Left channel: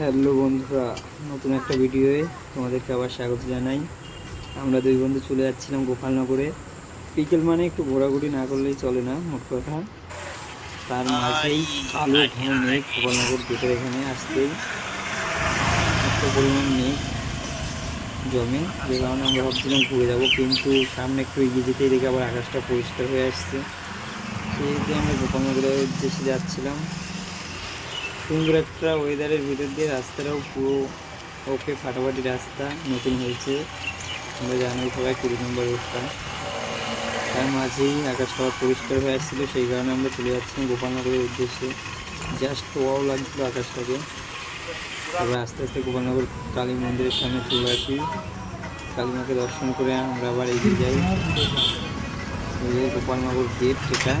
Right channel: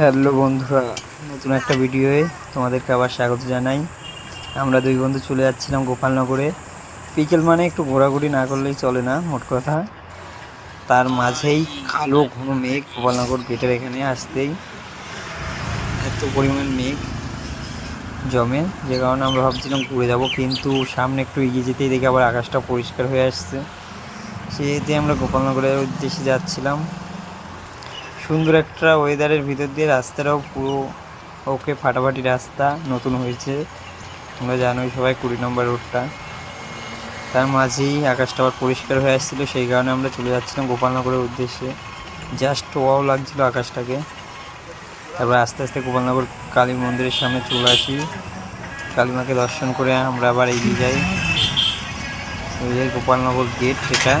Hello বন্ধুরা, নতুন একটা ভিডিওয়ে তোমাদেরকে আবার স্বাগত জানাই। আমরা দুই বন্ধু চলে যাচ্ছিলাম গোপালনগরে। বিকেল মানে একটু ঘোরাঘুরি না করলেই চলে না, মোট কথা। তার মাঝেই কালো ঘন মেঘ গোপালনগর গেটের এখানে আসতেই এত পরিমাণ মেঘ জমে, যে কারণে আমরা ভাবছিলাম ঘুরে যাব, কিন্তু সামনে একটু এগিয়ে যেতেই দেখি আবার আকাশটা পরিষ্কার হয়ে আসছে। সেহেতু আমরা গোপালনগরের উদ্দেশ্যে যাচ্ছিলাম। সুন্দর একটা ওয়েদারের ভিতর দিয়ে রাস্তাটাও পুরো ওকে, ফাটাফাটি রাস্তা, নতুন হয়েছে। তোমরা জানোই সবাই 20 নম্বর রোডটা। তার মাঝেই আকাশটা আবার পরিষ্কার হয়ে আসছিলো, সেই কারণে আমরা চলে যাচ্ছিলাম গোপালনগরের উদ্দেশ্যে। জাস্ট ওয়াও লাগছিল আকাশটাকে। তারপর আস্তে আস্তে গোপালনগর কালী মন্দিরের সামনে চলে আসি। কালীমাকে দর্শন করে আমরা আবার এগিয়ে যাই। এই যে গোপালনগর গেট, এটা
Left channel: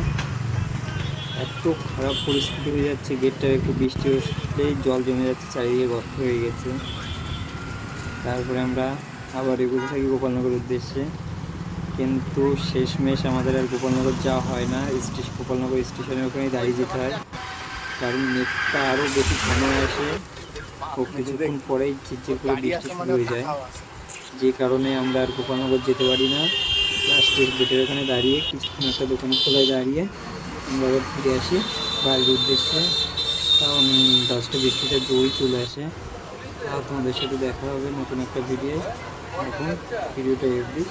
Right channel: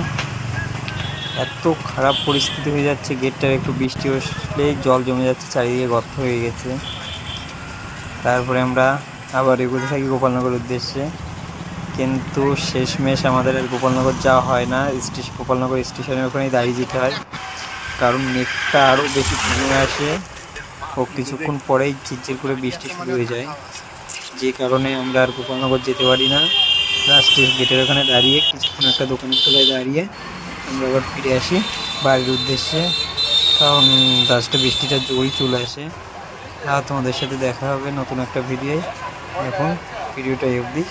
এত খারাপ পরিস্থিতি হয়ে যাচ্ছে গেটটার, একটু বৃষ্টি আসলেই জল জমে যাচ্ছে, চারিদিকে গর্ত হয়ে গেছে। তারপরে আমরা আবার এগোতে থাকি গোপালনগরের উদ্দেশ্যে, কিন্তু শেষমেশ আমাদের আর গোপালনগর যাওয়া হয় না। গোপালনগর স্টেশনের ওখানেই দাঁড়িয়ে যেতে হয়, কারণ মেঘটা আরও বেশি ঘন হয়ে আসে ও কিছুক্ষণ পরেই ঝিরঝির করে বৃষ্টি শুরু হয়ে যায়, যে কারণে আমরা আর গোপালনগর যেতে পারি না। লাস্টের গেটের ওখানে দাঁড়িয়ে কিছুক্ষণ একটা দোকানের তলায় দাঁড়িয়ে আমরা আবার ফিরে আসি বাড়ির উদ্দেশ্যে, কারণ লাস্টে বৃষ্টিটা জোরই চলে আসে। আর তোমাদের সাথে দেখা হবে নতুন একটা ভিডিও। এখন ভিডিওটা এই অবধি।